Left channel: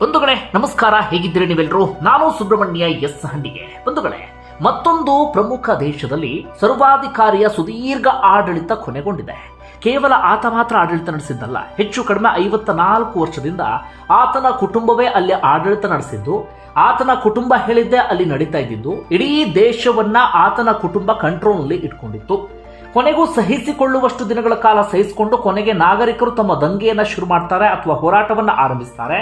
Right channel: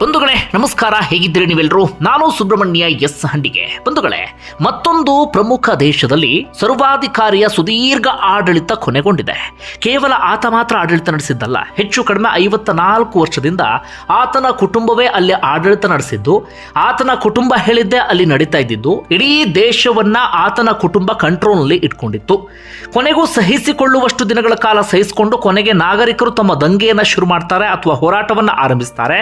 ಬಂಧುಗಳೇ, ನಮಸ್ಕಾರ. ಹೇಗಿದ್ದೀರಿ ನೀವೆಲ್ಲರೂ ನಾನು ಸುಬ್ರಹ್ಮಣ್ಯ ಎಸ್ ಹಂಡಿಗೆ. ಬಂಧುಗಳೇ, ಮತ್ತೊಂದು ಪ್ರಮುಖ ದೇಶದಲ್ಲಿ ಸರ್ವಾಧಿಕಾರಿಯ ಸುದೀರ್ಘ ಆಡಳಿತ ಕೊನೆಗೊಂಡಿದೆ. ಕೇವಲ ಆತ ಮಾತ್ರ ಆಡಳಿತ ನಡೆಸಿದ್ದಲ್ಲ, ಹೆಚ್ಚು ಕಡಿಮೆ ಐವತ್ತ ನಾಲ್ಕು ವರ್ಷದಿಂದ ಆತನ ಕುಟುಂಬವೇ ಅಲ್ಲಿ ಆಡಳಿತ ನಡೆಸಿದ್ದು, ಆತನ ಕುಟುಂಬ ಹೇಳಿದ್ದೆ ಅಲ್ಲಿ ನಡೀತಾ ಇದ್ದಿದ್ದು, ಇಡೀ ದೇಶವನ್ನ ಆತನ ಕುಟುಂಬ ಕಂಟ್ರೋಲ್ನಲ್ಲಿ ಇಟ್ಕೊಂಡಿತ್ತು. ಕೊನೆಗೂ ಸಹಿಸಿಕೊಳ್ಳುವಷ್ಟು ದಿನಗಳ ಕಾಲ ಸಹಿಸಿಕೊಂಡು ಕೊನೆಗೆ ನಾಗರಿಕರು ತಮ್ಮ ದಂಗೆಯನ್ನು ಶುರು ಮಾಡ್ತಾರೆ ಅಥವಾ ಹೋರಾಟವನ್ನು ಆರಂಭಿಸ್ತಾರೆ.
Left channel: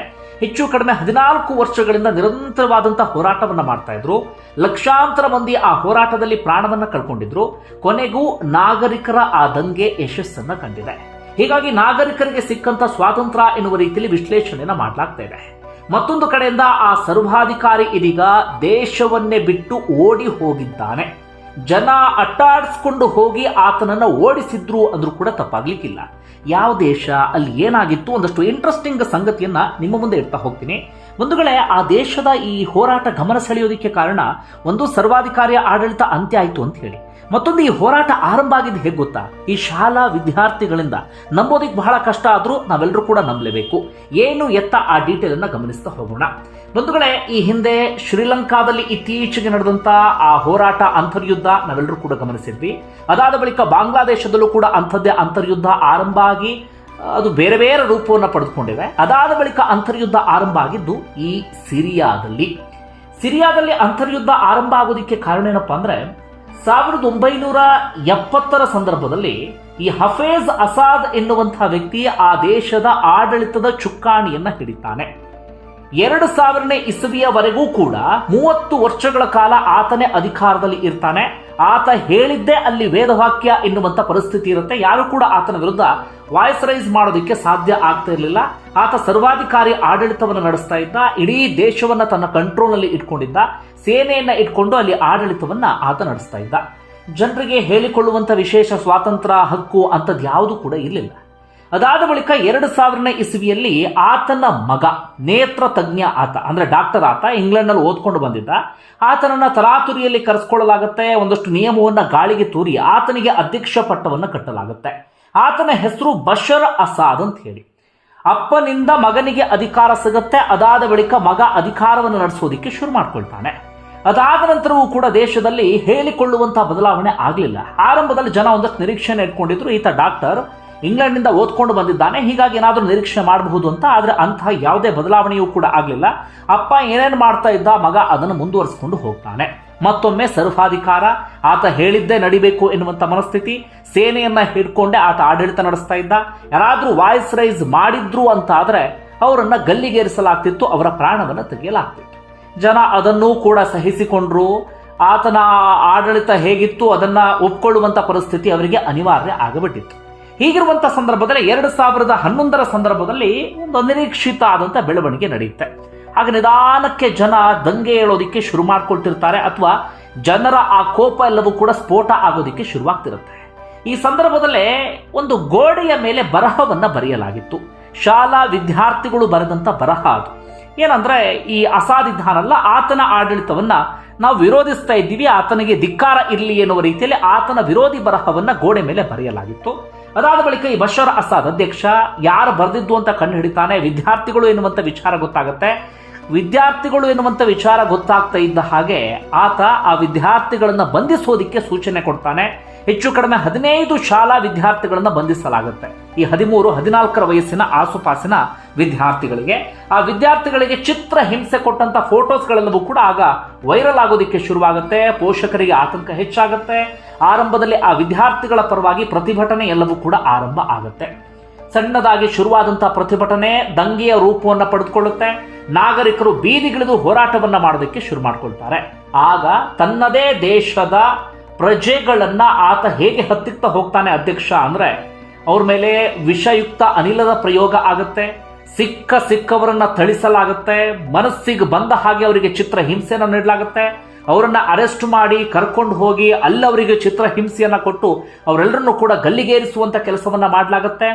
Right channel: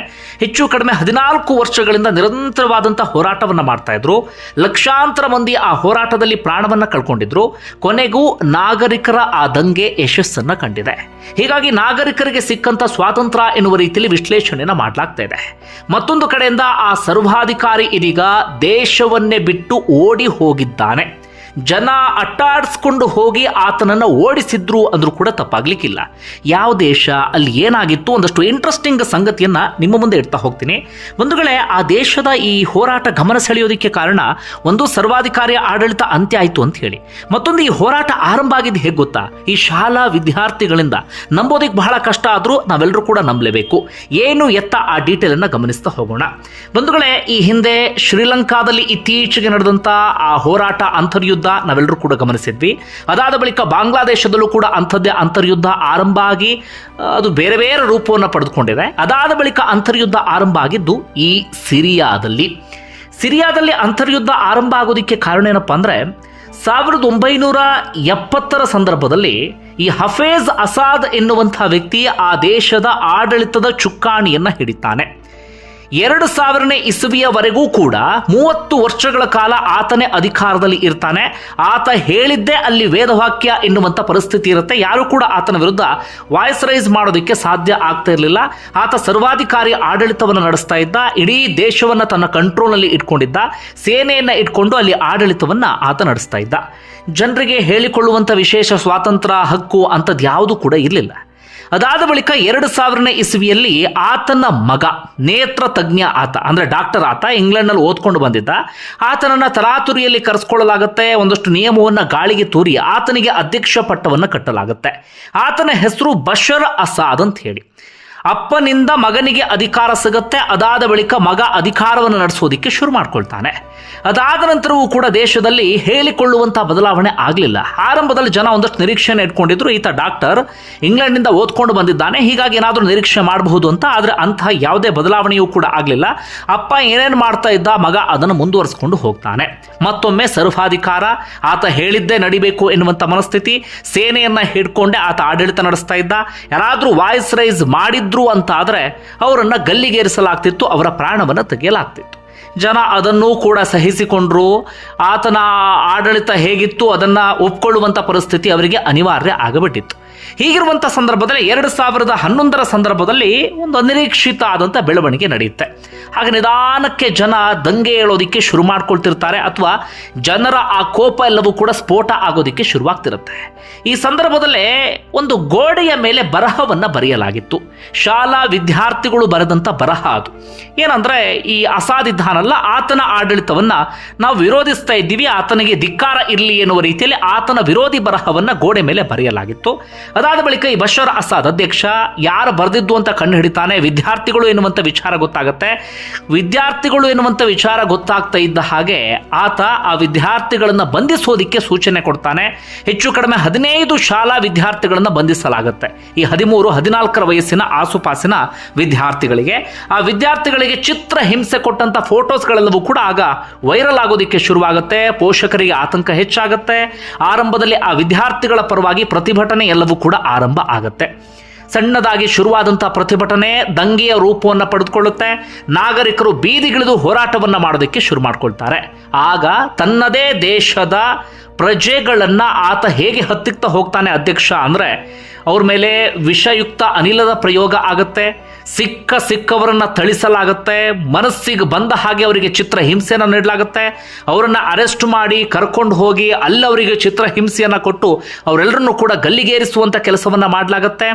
ಕಡಿಮೆ ಹದಿನಾಲ್ಕು ವರ್ಷಗಳಿಂದ ನಿರಂತರವಾದಂಥ ಹೋರಾಟವನ್ನು ಮಾಡ್ತಾ ಇದ್ರು. ಲಕ್ಷಾಂತರ ಮಂದಿ ಆ ಹೋರಾಟದಲ್ಲಿ ಪ್ರಾಣವನ್ನು ಕಳ್ಕೊಂಡಿದ್ರು. ಕೊನೆಗೂ ನಾಗರಿಕರ ಆ ದಂಗೆ ಯಶಸ್ಸನ್ನ ಕಂಡಿದೆ. ಹೀಗಾಗಿ ನಾಗರಿಕರಿಗೆ ಸಿಕ್ಕಂತ ಸ್ವಾತಂತ್ರ್ಯ ಎನ್ನುವ ರೀತಿಯಲ್ಲಿ ವಿಶ್ಲೇಷಣೆಯನ್ನು ಮಾಡಲಾಗ್ತಾ ಇದೆ. ಮತ್ತೊಂದು ಕಡೆಯಿಂದ ಆ ಸರ್ವಾಧಿಕಾರಿ ಇದೀಗ ದೇಶವನ್ನೇ ಬಿಟ್ಟು ಓಡಿ ಹೋಗಿದ್ದಾನೆ. ಜನ ಅಟ್ಟಾಡಿಸ್ಕೊಂಡು ಹೋಗಿ ಆತನನ್ನು ಓಡಿಸಿದ್ರು ಅಂದರೂ ಕೂಡ ತಪ್ಪಾಗ್ಲಿಕ್ಕಿಲ್ಲ. ಯಾವ ದೇಶ, ಅಲ್ಲಿ ಏನಾಗಿತ್ತು ಒಂದಷ್ಟು ಇಂಟ್ರೆಸ್ಟಿಂಗ್ ಸಂಗತಿಯನ್ನು ನಿಮ್ಮ ಮುಂದೆ ಇಡ್ತಾ ಹೋಗ್ತೀನಿ. ಬಂಧುಗಳೇ, ಆ ದೇಶದ ಈ ಹೋರಾಟ ಗಮನ ಸೆಳೆಯೋದಕ್ಕೆ ಕಾರಣ ಒಂದು ಸರ್ವಾಧಿಕಾರಿಯ ಆಡಳಿತ ಅಂತ್ಯ ಆಯಿತು ಅಂತ ಹೇಳಿ. ಮತ್ತೊಂದು ಈ ಹೋರಾಟ ಆರಂಭ ಆಗಿದ್ದು ಹೇಗೆ ಗೊತ್ತಾ? ಈ ಶಾಲಾ ವಿದ್ಯಾರ್ಥಿಗಳಿಂದ ನಂಬೋದಕ್ಕೆ ಬಹಳ ಕಷ್ಟ ಆದರೂ ನಾವೆಲ್ಲರೂ ಕೂಡ ನಂಬಲೇಬೇಕು. ಏನು ಎತ್ತ ಆ ಡೀಟೇಲನ್ನು ಗಮನಿಸ್ತಾ ಹೋಗೋಣ. ಬಂಧುಗಳೇ, ಈ ಹಿಂದೆ ಶ್ರೀಲಂಕಾದಲ್ಲಿ ಇತ್ತೀಚೆಗೆ ನಡೆದಂಥ ಆ ಹೋರಾಟ ಅಂತರ್ಯುದ್ಧ ನಾವೆಲ್ಲರೂ ಕೂಡ ಗಮನಿಸಿದ್ವಿ. ಅದಾದ ಬಳಿಕ ಬಾಂಗ್ಲಾದೇಶದಲ್ಲೂ ಕೂಡ ಅಂಥದ್ದೇ ಅಂತರ್ಯುದ್ಧ ಆರಂಭ ಆಗಿ ಅದು ಬೇರೆ ಬೇರೆ ರೂಪವನ್ನು ಪಡೆದುಕೊಂಡಿದೆ. ಅದಾದ ಬಳಿಕ ಅಂತರ್ಯುದ್ಧ ಆರಂಭ ಆಗಿದ್ದು ಈ ಸಿರಿಯಾದಲ್ಲಿ. ಸಿರಿಯಾದಲ್ಲಿ ಅಂತರ್ಯುದ್ಧ ಆರಂಭ ಆಗೋದಕ್ಕೆ ಕಾರಣ ಏನಪ್ಪ ಅಂದರೆ, ಸಾವಿರದ ಒಂಬೈನೂರ ಎಪ್ಪತ್ತರ ಸಂದರ್ಭದಲ್ಲಿ ಈ ಹಫೇಜ್ ಅಸಾದ್ ಎನ್ನುವಂತಹ ವ್ಯಕ್ತಿ ಆ ದೇಶದ ಆಡಳಿತದ ಚುಕ್ಕಾಣಿಯನ್ನು ಹಿಡಿತಾನೆ. ಎರಡು ಸಾವಿರನೇ ಇಸವಿಯವರೆಗೂ ಕೂಡ ಮೂವತ್ತು ವರ್ಷಗಳ ಕಾಲ ಆತನೇ ಅಧಿಕಾರದಲ್ಲಿ ಇರ್ತಾನೆ. ಆತ ಹೇಳಿದ್ದೇ ಅಲ್ಲಿ ವೇದವಾಕ್ಯ ಎನ್ನುವಂಥ ಪರಿಸ್ಥಿತಿ ಇರುತ್ತೆ. ಯಾರು ಕೂಡ ಆತನ ವಿರುದ್ಧ ವಾಯ್ಸ್ ರೈಸ್ ಮಾಡೋದಕ್ಕೆ ಸಾಧ್ಯ ಆಗ್ತಾ ಇರಲಿಲ್ಲ. ಆತ ಸರ್ವಾಧಿಕಾರಿ ಆಡಳಿತವನ್ನು ನಡೆಸ್ತಾ ಇದ್ದ. ಇಡೀ ದೇಶವನ್ನು ತನ್ನ ಕಂಟ್ರೋಲ್ನಲ್ಲಿ ಇಟ್ಕೊಂಡಿದ್ದ. ಸೇನೆಯನ್ನು ಇಟ್ಕೊಂಡು ಅಲ್ಲಿ ಆಡಳಿತವನ್ನು ಆತ ನಡೆಸ್ತಾ ಇದ್ದ. ಜನರಿಗೆ ಹೇಳಿಕೊಳ್ಳುವಂಥ ವಿಶೇಷ ಸ್ವಾತಂತ್ರ್ಯ ಹಕ್ಕು ಅಂಥದ್ದು ಯಾವುದು ಕೂಡ ಇರಲಿಲ್ಲ. ಅದಾದ ಬಳಿಕ ಎರಡು ಸಾವಿರನೇ ಇಸವಿಯಲ್ಲಿ ಆತನ ಮಗ, ನೇತ್ರ ತಜ್ಞ ಆತ, ಅಂದರೆ ಡಾಕ್ಟರ್ ಆತ, ಇಂಗ್ಲೆಂಡ್ನಲ್ಲಿ ಓದ್ಕೊಂಡು ಬಂದಿದ್ದ. ಆತನನ್ನು ತರಾತುರಿಯಲ್ಲಿ ಕರೆಸ್ಕೊಳ್ಳಲಾಗುತ್ತೆ, ಒಂದಷ್ಟು ನಿಯಮವನ್ನು ಗಾಳಿಗೆ ತೂರಿ ಆತನಿಗೆ ಅಧ್ಯಕ್ಷ ಪಟ್ಟವನ್ನು ಕಟ್ಟಲಾಗುತ್ತೆ. ಆತನ ಹೆಸರು ಬಶರ್ ಅಸಾದ್ ಅಂತ ಹೇಳಿ. ಅಪ್ಪನಿಂದ ಮಗನಿಗೆ ಅಧಿಕಾರ ಸಿಗುತ್ತೆ, ಅದಾದ ಬಳಿಕ ಮಗ ಅಧಿಕಾರವನ್ನು ನಡೆಸೋದಿಕ್ಕೆ ಶುರು ಮಾಡ್ಕೊಳ್ತಾನೆ. ಅದಾದ ನಂತರವೂ ಕೂಡ ದೇಶದಲ್ಲಿ ಹೇಳಿಕೊಳ್ಳುವಂಥ ಬದಲಾವಣೆ ಆಗಲಿಲ್ಲ. ಆರಂಭದಲ್ಲಿ ಜನ ಒಂದಷ್ಟು ನಿರೀಕ್ಷೆಯನ್ನು ಇಟ್ಕೊಂಡಿದ್ರು. ಈತ ಡಾಕ್ಟರ್ ಇಂಗ್ಲೆಂಡ್ನಿಂದ ಓದ್ಕೊಂಡು ಬಂದಿದ್ದಾನೆ. ಹೀಗಾಗಿ ಏನಾದರೂ ನಿರೀಕ್ಷೆ ಮಾಡಬಹುದು ಅಂತ, ಆದರೆ ಅಂತಹ ಯಾವುದೇ ಬದಲಾವಣೆಯೂ ಕೂಡ ಆಗಲಿಲ್ಲ. ಅಪ್ಪ ಏನೇನು ಮಾಡ್ತಾ ಇದ್ದ, ಮಗ ಅದನ್ನು ಮುಂದುವರಿಸಿಕೊಂಡು ಹೋಗ್ತಾನೆ. ಮತ್ತೊಮ್ಮೆ ಸರ್ವಾಧಿಕಾರ, ಆತ ಹೇಳಿದ್ದೇ ನಡಿಬೇಕು ಎನ್ನುವಂಥ ಮನಸ್ಥಿತಿ, ಸೇನೆಯನ್ನು ಹಿಡ್ಕೊಂಡೆ ಆತ ಆಡಳಿತ ನಡೆಸ್ತಾ ಇದ್ದ. ಯಾರಾದರೂ ವಾಯ್ಸ್ ರೈಸ್ ಮಾಡಿದ್ರು ಅಂತ ಆದರೆ ಅವರನ್ನು ಗಲ್ಲಿಗೇರಿಸಲಾಗ್ತಿತ್ತು, ಅವರ ಪ್ರಾಣವನ್ನು ತೆಗೆಯಲಾಗ್ತಿತ್ತು. ಜನ ಅದನ್ನೂ ಕೂಡ ಸಹಿಸಿಕೊಂಡ್ರು. ಆತನ ಆಡಳಿತ ಹೇಗಿತ್ತು, ಅದನ್ನು ಒಪ್ಕೊಳ್ಳುವಂಥ ಪರಿಸ್ಥಿತಿ ಅವರಿಗೆ ಅನಿವಾರ್ಯ ಆಗಬಿಟ್ಟಿತ್ತು. ಹೀಗಿರುವಂಥ ಸಂದರ್ಭದಲ್ಲಿ ಎರಡು ಸಾವಿರದ ಹನ್ನೊಂದರ ಸಂದರ್ಭದಲ್ಲಿ ಒಂದು ಅನಿರೀಕ್ಷಿತ ಆದಂಥ ಬೆಳವಣಿಗೆ ನಡೆಯುತ್ತೆ. ಹಾಗೆ ನಿಧಾನಕ್ಕೆ ಜನ ದಂಗೆ ಹೇಳೋದಕ್ಕೆ ಶುರು ಮಾಡ್ಕೊಳ್ತಿರ್ತಾರೆ ಅಥವಾ ಜನರ ಆ ಕೋಪ ಎಲ್ಲವೂ ಕೂಡ ಸ್ಫೋಟ ಆಗೋದಕ್ಕೆ ಶುರುವಾಗ್ತಿರುತ್ತೆ. ಈ ಸಂದರ್ಭದಲ್ಲೇ ಒಂದು ಗೋಡೆಯ ಮೇಲೆ ಬರಹವನ್ನು ಬರೆಯಲಾಗಿತ್ತು. ಶಾಲಾ ವಿದ್ಯಾರ್ಥಿಗಳು ಬರೆದಂಥ ಬರಹ ಅದು. ಏನಂದರೆ ಈ ಅಸಾದಿದ್ದಾನಲ್ಲ ಆತನ ಆಡಳಿತವನ್ನು ನಾವು ವಿರೋಧಿಸ್ತಾ ಇದ್ದೀವಿ, ಆತನಿಗೆ ಧಿಕ್ಕಾರ ಇರಲಿ ಎನ್ನುವ ರೀತಿಯಲ್ಲಿ ಆತನ ವಿರೋಧಿ ಬರಹವನ್ನು ಗೋಡೆ ಮೇಲೆ ಬರೆಯಲಾಗಿತ್ತು. ಅದಾದ ಬಳಿಕ ಈ ಬಶರ್ ಅಸಾದ್ ಅಧ್ಯಕ್ಷ, ಯಾರು ಬರೆದಿದ್ದು ಅಂತ ಕಂಡು ಹಿಡಿತಾನೆ, ವಿದ್ಯಾರ್ಥಿಗಳು ಎನ್ನುವಂಥ ವಿಚಾರ ಗೊತ್ತಾಗುತ್ತೆ. ವಿದ್ಯಾರ್ಥಿಗಳು ಎನ್ನುವಂಥ ವಿಚಾರ ಗೊತ್ತಾಗ್ತಾ ಇದ್ದ ಹಾಗೆ ಆತ ಆ ವಿದ್ಯಾರ್ಥಿಗಳನ್ನು ಬಂಧಿಸೋದಿಕ್ಕೆ ಸೂಚನೆ ಕೊಡ್ತಾನೆ. ಹೆಚ್ಚು ಕಡಿಮೆ ಹದಿನೈದು ಶಾಲಾ ವಿದ್ಯಾರ್ಥಿಗಳನ್ನು ಬಂಧಿಸಲಾಗುತ್ತೆ. ಈ ಹದಿಮೂರು, ಹದಿನಾಲ್ಕರ ವಯಸ್ಸಿನ ಆಸುಪಾಸಿನ ವಿದ್ಯಾರ್ಥಿಗಳಿಗೆ. ಆ ವಿದ್ಯಾರ್ಥಿಗಳಿಗೆ ಚಿತ್ರ ಹಿಂಸೆ ಕೊಟ್ಟಂಥ ಫೋಟೋಸ್ಗಳೆಲ್ಲವೂ ಕೂಡ ಆಗ ವೈರಲ್ ಆಗೋದಕ್ಕೆ ಶುರುವಾಗುತ್ತೆ. ಪೋಷಕರಿಗೆ ಆತಂಕ ಹೆಚ್ಚಾಗುತ್ತೆ. ಆರಂಭದಲ್ಲಿ ಆ ವಿದ್ಯಾರ್ಥಿಗಳ ಪರವಾಗಿ ಪ್ರತಿಭಟನೆ ಎಲ್ಲವೂ ಕೂಡ ಆರಂಭ ಆಗುತ್ತೆ. ಸಣ್ಣದಾಗಿ ಶುರುವಾದಂಥ ಪ್ರತಿಭಟನೆ ದಂಗೆಯ ರೂಪವನ್ನು ಪಡೆದುಕೊಳ್ಳುತ್ತೆ. ನಾಗರಿಕರು ಬೀದಿಗಿಳಿದು ಹೋರಾಟವನ್ನು ಮಾಡೋದಕ್ಕೆ ಶುರು ಮಾಡ್ಕೊಳ್ತಾರೆ. ಆಗ ತನ್ನದೇ ದೇಶದ ಪ್ರಜೆಗಳನ್ನು ಆತ ಹೇಗೆ ಹತ್ತಿಕ್ತಾ ಹೋಗ್ತಾನೆ ಅಧ್ಯಕ್ಷ ಅಂದ್ರೆ ಅವ್ರ ಮೇಲೆ ವಿಷಯುಕ್ತ ಅನಿಲದ ಪ್ರಯೋಗ ಆಗುತ್ತೆ. ಸಿಕ್ಕ ಸಿಕ್ಕವರನ್ನ ಥಳಿಸಲಾಗುತ್ತೆ. ಮನಸ್ಸಿಗೆ ಬಂದ ಹಾಗೆ ಅವರಿಗೆ ಚಿತ್ರ ಹಿಂಸೆಯನ್ನು ನೀಡಲಾಗುತ್ತೆ. ಅವರನ್ನು ಅರೆಸ್ಟ್ ಮಾಡಿ ಕರ್ಕೊಂಡು ಹೋಗಿ ಅಲ್ಲವರಿಗೆ ಚಿತ್ರ ಹಿಂಸೆಯನ್ನು ಕೊಟ್ಟು ಅವರೆಲ್ಲರನ್ನೂ ಕೂಡ ಗಲ್ಲಿಗೇರಿಸುವಂಥ ಕೆಲಸವನ್ನು ಮಾಡಲಾಗುತ್ತೆ.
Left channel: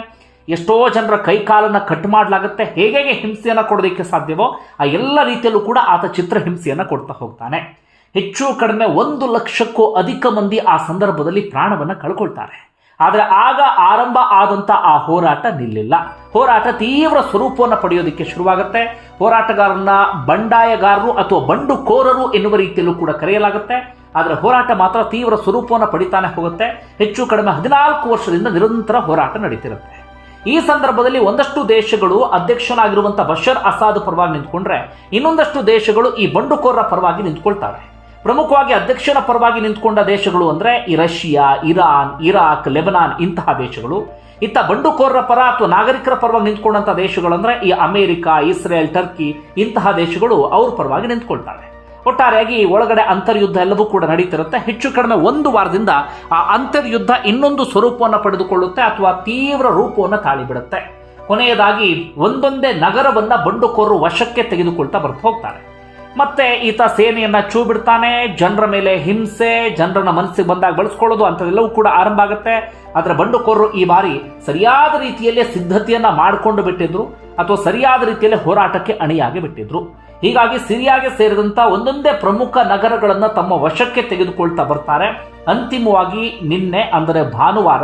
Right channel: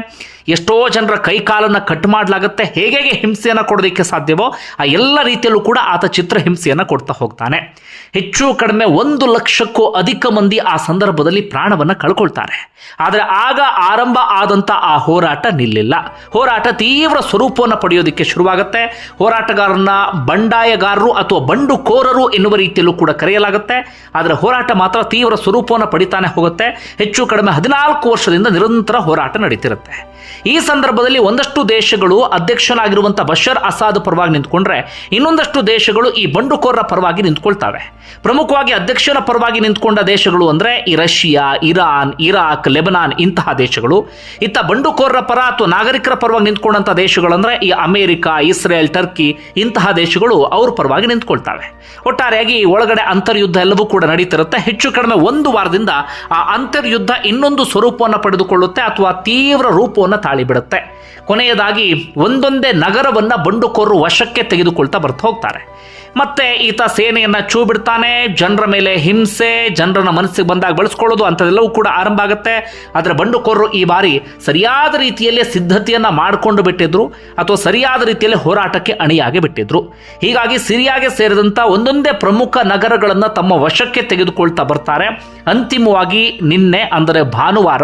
ಎಷ್ಟೋ ಜನರ ಕೈಕಾಲನ್ನು ಕಟ್ ಮಾಡಲಾಗುತ್ತೆ. ಹೇಗೆ ಹೇಗೆ ಹಿಂಸೆಯನ್ನು ಕೊಡೋದಕ್ಕೆ ಸಾಧ್ಯವೋ, ಆ ಎಲ್ಲ ರೀತಿಯಲ್ಲೂ ಕೂಡ ಆತ ಚಿತ್ರಹಿಂಸೆಯನ್ನು ಕೊಡ್ತಾ ಹೋಗ್ತಾನೆ. ಹೆಚ್ಚು ಕಡಿಮೆ ಒಂದು ಲಕ್ಷಕ್ಕೂ ಅಧಿಕ ಮಂದಿ ಆ ಸಂದರ್ಭದಲ್ಲಿ ಪ್ರಾಣವನ್ನು ಕಳ್ಕೊಳ್ತಾರೆ. ಆದರೆ ಆಗ ಆರಂಭ ಆದಂಥ ಆ ಹೋರಾಟ ನಿಲ್ಲಿಲ್ಲ. ಹೋರಾಟ ತೀವ್ರ ಸ್ವರೂಪವನ್ನು ಪಡೆಯೋದಕ್ಕೆ ಶುರುವಾಗುತ್ತೆ. ಹೋರಾಟಗಾರರನ್ನ ಬಂಡಾಯಗಾರರು ಅಥವಾ ಬಂಡುಕೋರರು ಎನ್ನುವ ರೀತಿಯಲ್ಲೂ ಕೂಡ ಕರೆಯಲಾಗುತ್ತೆ. ಆದರೆ ಹೋರಾಟ ಮಾತ್ರ ತೀವ್ರ ಸ್ವರೂಪವನ್ನು ಪಡಿತಾನೆ ಹೋಗುತ್ತೆ. ಹೆಚ್ಚು ಕಡಿಮೆ ಹದಿನಾಲ್ಕು ವರ್ಷದಿಂದ ನಿರಂತರ ಹೋರಾಟ ನಡೀತಿರುತ್ತೆ. ಈ ಸಂದರ್ಭದಲ್ಲಿ ಒಂದಷ್ಟು ದೇಶಗಳು ಅಧ್ಯಕ್ಷನಾಗಿರುವಂಥ ಬಶರ್ ಅಸಾದ್ ಪರವಾಗಿ ನಿಂತ್ಕೊಂಡ್ರೆ ಇನ್ನೊಂದಷ್ಟು ದೇಶಗಳು ಈ ಬಂಡುಕೋರರ ಪರವಾಗಿ ನಿಂತ್ಕೊಳ್ತವೆ. ಪ್ರಮುಖವಾಗಿ ಅಧ್ಯಕ್ಷನ ಪರವಾಗಿ ನಿಂತ್ಕೊಂಡ ದೇಶಗಳು ಅಂದರೆ ಈ ರಷ್ಯಾ, ಇರಾನ್, ಇರಾಕ್, ಲೆಬನಾನ್ ಇಂತಹ ದೇಶಗಳು. ಇತ್ತ ಬಂಡುಕೋರರ ಪರ ಅಥವಾ ನಾಗರಿಕರ ಪರವಾಗಿ ನಿಂತ್ಕೊಂಡಂಥ ದೇಶಗಳಂದರೆ ಈ ಅಮೆರಿಕ, ಇಸ್ರೇಲ್, ಟರ್ಕಿ ಇಂತಹ ದೇಶಗಳು ಅವ್ರ ಪರವಾಗಿ ನಿಂತ್ಕೊಳ್ತವೆ. ಒಟ್ಟಾರೆಯಾಗಿ ಒಳಗಡೆ ಅಂತರ್ಯುದ್ಧ ಎಲ್ಲವೂ ಕೂಡ ನಡೀತಿರುತ್ತೆ. ಹೆಚ್ಚು ಕಡಿಮೆ ಒಂದು ವಾರದಿಂದ ಆ ಅಂತರ್ಯುದ್ಧ ಇನ್ನೊಂದು ಸ್ವರೂಪವನ್ನು ಪಡೆದುಕೊಳ್ಳುತ್ತೆ ಅಥವಾ ತೀವ್ರ ರೂಪವನ್ನು ತಾಳಿಬಿಡುತ್ತೆ. ಕೊನೆಯದಾಗಿ ಒಂದೊಂದೇ ನಗರವನ್ನು ಬಂಡುಕೋರರು ವಶಕ್ಕೆ ತೆಗೆದುಕೊಳ್ತಾ ಬರ್ತಾ ಹೋಗ್ತಾರೆ. ಮತ್ತೆ ಈತ ಸೇನೆಯನ್ನ ಚೂ ಬಿಡ್ತಾನೆ ಜನರ ಮೇಲೆ ಹಿಂಸೆ, ಜನರನ್ನ ಮನಸ್ಸಿಗೆ ಬಂದಾಗ ಬಳಸ್ಕೊಳ್ಳೋದು ಅಂಥದ್ದೆಲ್ಲವೂ ಕೂಡ ಆರಂಭ ಆಗುತ್ತೆ. ಆದರೆ ಬಂಡುಕೋರರು ಈ ಬಾರಿ ಸರಿಯಾದ ರೀತಿಯಲ್ಲೇ ಸಿದ್ಧತೆಯನ್ನು ಮಾಡಿಕೊಂಡು ಬಿಟ್ಟಿದ್ರು, ಅಥವಾ ಸರಿಯಾದ ರೀತಿಯಲ್ಲಿ ಹೋರಾಟಕ್ಕೆ ಅಣಿಯಾಗಿ ಬಿಟ್ಟಿದ್ರು. ಹೀಗಾಗಿ ಸಿರಿಯಾಗೆ ಸೇರಿದಂಥ ಒಂದೊಂದೇ ಪ್ರಮುಖ ನಗರಗಳನ್ನು ತಮ್ಮ ವಶಕ್ಕೆ ತೆಗೆದುಕೊಳ್ತಾ ಬರ್ತಾರೆ. ಅಂತಿಮವಾಗಿ ನಿನ್ನೆ, ಅಂದರೆ ಭಾನುವಾರ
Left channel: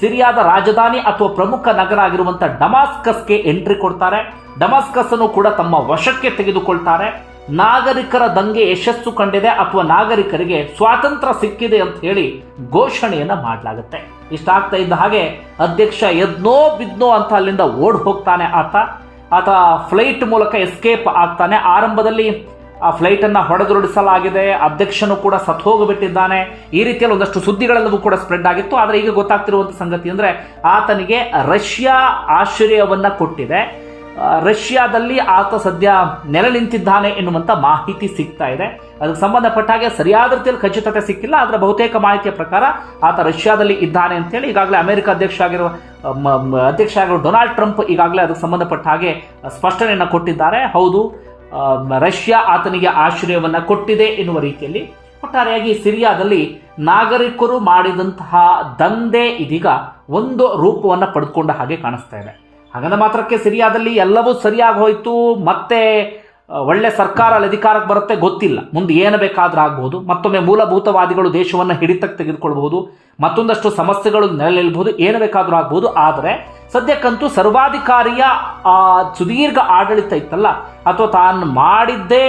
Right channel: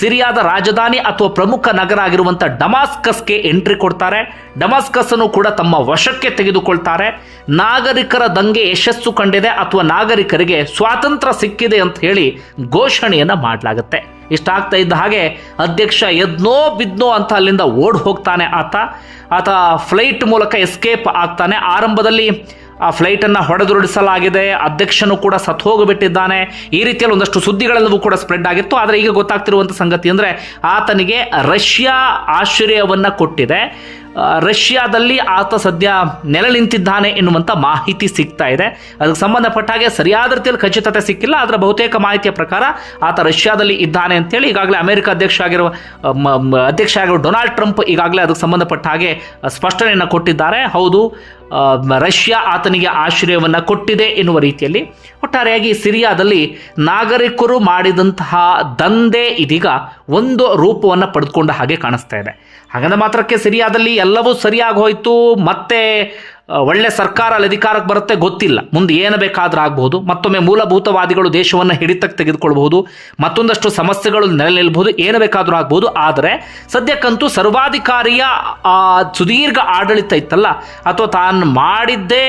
ಸಿರಿಯಾದ ರಾಜಧಾನಿ ಅಥವಾ ಪ್ರಮುಖ ನಗರ ಆಗಿರುವಂಥ ಡಮಾಸ್ಕಸ್ಗೆ ಎಂಟ್ರಿ ಕೊಡ್ತಾರೆ. ಡಮಾಸ್ಕಸ್ ಅನ್ನು ಕೂಡ ತಮ್ಮ ವಶಕ್ಕೆ ತೆಗೆದುಕೊಳ್ತಾರೆ. ನಾಗರಿಕರ ದಂಗೆ ಯಶಸ್ಸು ಕಂಡಿದೆ ಅಥವಾ ನಾಗರಿಕರಿಗೆ ಸ್ವಾತಂತ್ರ್ಯ ಸಿಕ್ಕಿದೆ ಅಂತ ಹೇಳಿ ಘೋಷಣೆಯನ್ನ ಮಾಡಲಾಗುತ್ತೆ. ಇಷ್ಟಾಗ್ತಾ ಇದ್ದ ಹಾಗೆ ಅಧ್ಯಕ್ಷ ಎದ್ನೋ ಬಿದ್ನೋ ಅಂತ ಅಲ್ಲಿಂದ ಓಡ್ ಹೋಗ್ತಾನೆ ಆತ. ಆತ ಫ್ಲೈಟ್ ಮೂಲಕ ಎಸ್ಕೇಪ್ ಆಗ್ತಾನೆ. ಆರಂಭದಲ್ಲಿ ಆ ಫ್ಲೈಟನ್ನು ಹೊಡೆದುರುಳಿಸಲಾಗಿದೆ. ಅಧ್ಯಕ್ಷನು ಕೂಡ ಸತ್ತು ಹೋಗಿಬಿಟ್ಟಿದ್ದಾನೆ. ಈ ರೀತಿಯಲ್ಲಿ ಒಂದಷ್ಟು ಸುದ್ದಿಗಳೆಲ್ಲವೂ ಕೂಡ ಸ್ಪ್ರೆಡ್ ಆಗಿತ್ತು. ಆದರೆ ಈಗ ಗೊತ್ತಾಗ್ತಿರುವಂಥ ಸಂಗತಿ ಅಂದರೆ ಆತನಿಗೆ ರಷ್ಯಾ ಆಶ್ರಯವನ್ನು ಕೊಟ್ಟಿದೆ. ರಷ್ಯಾದಲ್ಲಿ ಆತ ಸದ್ಯ ನೆಲೆ ನಿಂತಿದ್ದಾನೆ ಎನ್ನುವಂಥ ಮಾಹಿತಿ ಸಿಗ್ತಾ ಇದೆ. ಅದಕ್ಕೆ ಸಂಬಂಧಪಟ್ಟ ಹಾಗೆ ಸರಿಯಾದ ರೀತಿಯಲ್ಲಿ ಖಚಿತತೆ ಸಿಕ್ಕಿಲ್ಲ. ಆದರೆ ಬಹುತೇಕ ಮಾಹಿತಿಯ ಪ್ರಕಾರ ಆತ ರಷ್ಯಾದಲ್ಲಿ ಇದ್ದಾನೆ ಅಂತೇಳಿ ಈಗಾಗಲೇ ಅಮೆರಿಕ ಅಧ್ಯಕ್ಷ ಆಗಿರುವ ಅಧ್ಯಕ್ಷ ಆಗಿರುವ ಡೊನಾಲ್ಡ್ ಟ್ರಂಪ್ ಈಗಾಗಲೇ ಅದಕ್ಕೆ ಸಂಬಂಧಪಟ್ಟ ಹಾಗೆ ಸ್ಪಷ್ಟನೆಯನ್ನು ಕೊಟ್ಟಿದ್ದಾರೆ. ಹೌದು ರಷ್ಯಾ ಆತನಿಗೆ ಆಶ್ರಯವನ್ನು ಕೊಟ್ಟಿದೆ ಎನ್ನುವ ರೀತಿಯಲ್ಲಿ ಒಟ್ಟಾರೆಯಾಗಿ ಸಿರಿಯಾದಲ್ಲಿ ನಾಗರಿಕರು ಮಾಡಿದಂತಹ ದಂಧೆ ಇದೀಗ ಒಂದು ರೂಪವನ್ನು ಪಡೆದುಕೊಂಡ ಹಾಗೆ ಕಾಣಿಸ್ತಾ ಇದೆ. ಹಾಗಂದ ಮಾತ್ರಕ್ಕೆ ಸಿರಿಯಾದಲ್ಲಿ ಎಲ್ಲವೂ ಸರಿಯಾಗಿ ಹೋಯಿತು, ಮತ್ತೆ ಒಳ್ಳೆ ಸರ್ಕಾರ ಅಲ್ಲಿ ಅಧಿಕಾರಕ್ಕೆ ಬರುತ್ತೆ ಗೊತ್ತಿಲ್ಲ. ಮುಂದೆ ಏನು ಬೇಕಾದರೂ ಆಗ್ಬೋದು. ಮತ್ತೊಮ್ಮೆ ಮೂಲಭೂತವಾದಿಗಳು ದೇಶವನ್ನು ಹಿಡಿತಕ್ಕೆ ತೆಗೆದುಕೊಳ್ಬಹುದು. ಮತ್ತೊಂದಷ್ಟು ಸಮಸ್ಯೆಗಳು ನೆಲೆ ನಿಲ್ಬಹುದು. ಏನು ಬೇಕಾದರೂ ಆಗ್ಬೋದು. ಆದರೆ ಸದ್ಯಕ್ಕಂತೂ ಸರ್ವಾಧಿಕಾರಿಯ ಸುದೀರ್ಘ ಆಡಳಿತ ಇತ್ತಲ್ಲ, ಅಥವಾ ತಾನು ಮಾಡಿದ್ದೇ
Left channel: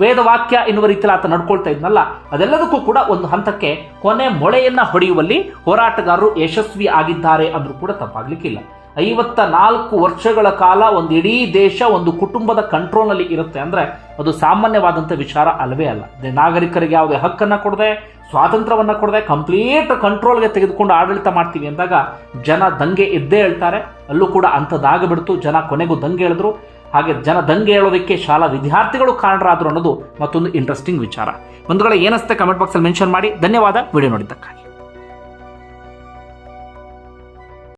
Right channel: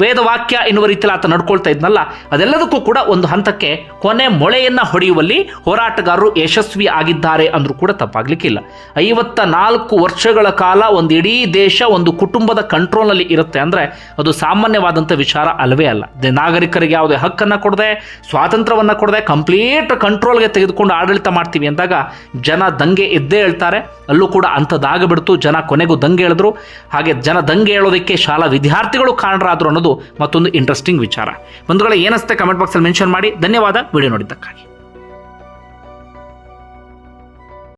ವೇದವಾಕ್ಯ ಎನ್ನುವ ರೀತಿಯಲ್ಲಿ ಆತ ನಡ್ಕೊಳ್ತಾ ಇದ್ನಲ್ಲ, ಅದೆಲ್ಲದಕ್ಕೂ ಕೂಡ ಒಂದು ಹಂತಕ್ಕೆ ಕೊನೆ ಮೊಳೆಯನ್ನ ಹೊಡೆಯುವಲ್ಲಿ ಹೋರಾಟಗಾರರು ಯಶಸ್ವಿ ಆಗಿದ್ದಾರೆ ಅಂದ್ರೂ ಕೂಡ ತಪ್ಪಾಗ್ಲಿಕ್ಕಿಲ್ಲ. ಐವತ್ತ ನಾಲ್ಕು ವರ್ಷಗಳ ಕಾಲ ಒಂದು ಇಡೀ ದೇಶ ಒಂದು ಕುಟುಂಬದ ಕಂಟ್ರೋಲ್ನಲ್ಲಿ ಇರುತ್ತೆ ಅಂದ್ರೆ ಅದು ಸಾಮಾನ್ಯವಾದಂಥ ವಿಚಾರ ಅಲ್ಲವೇ ಅಲ್ಲ. ನಾಗರಿಕರಿಗೆ ಯಾವುದೇ ಹಕ್ಕನ್ನು ಕೊಡದೆ, ಸ್ವಾತಂತ್ರ್ಯವನ್ನು ಕೊಡದೆ, ಕಂಪ್ಲೀಟ್ ಕಂಟ್ರೋಲ್ಗೆ ತೆಗೆದುಕೊಂಡು ಆಡಳಿತ ಮಾಡ್ತೀವಿ ಅಂದಾಗ ಜನ ದಂಗೆ ಎದ್ದೇ ಹೇಳ್ತಾರೆ. ಅಲ್ಲೂ ಕೂಡ ಅಂಥದ್ದಾಗಬಿಡ್ತು ಜನ ಕೊನೆಗೂ ದಂಗೆ ಹೇಳಿದ್ರು. ಹಾಗೆ ಜನ ದಂಗೆ ಹೇಳೋದಕ್ಕೆ ಶಾಲಾ ವಿದ್ಯಾರ್ಥಿಗಳು ಕಾರಣರಾದರು ಅನ್ನೋದು ಮತ್ತೊಂದು ಇಂಟ್ರೆಸ್ಟಿಂಗ್ ವಿಚಾರ. ಬಂಧುಗಳ ಏನಿಸುತ್ತೆ ಕಮೆಂಟ್ ಬಾಕ್ಸಲ್ಲಿ ಮೆನ್ಷನ್ ಮಾಡಿ. ಧನ್ಯವಾದ. ವಿಡಿಯೋ ನೋಡಿದ್ದಕ್ಕಾಗಿ.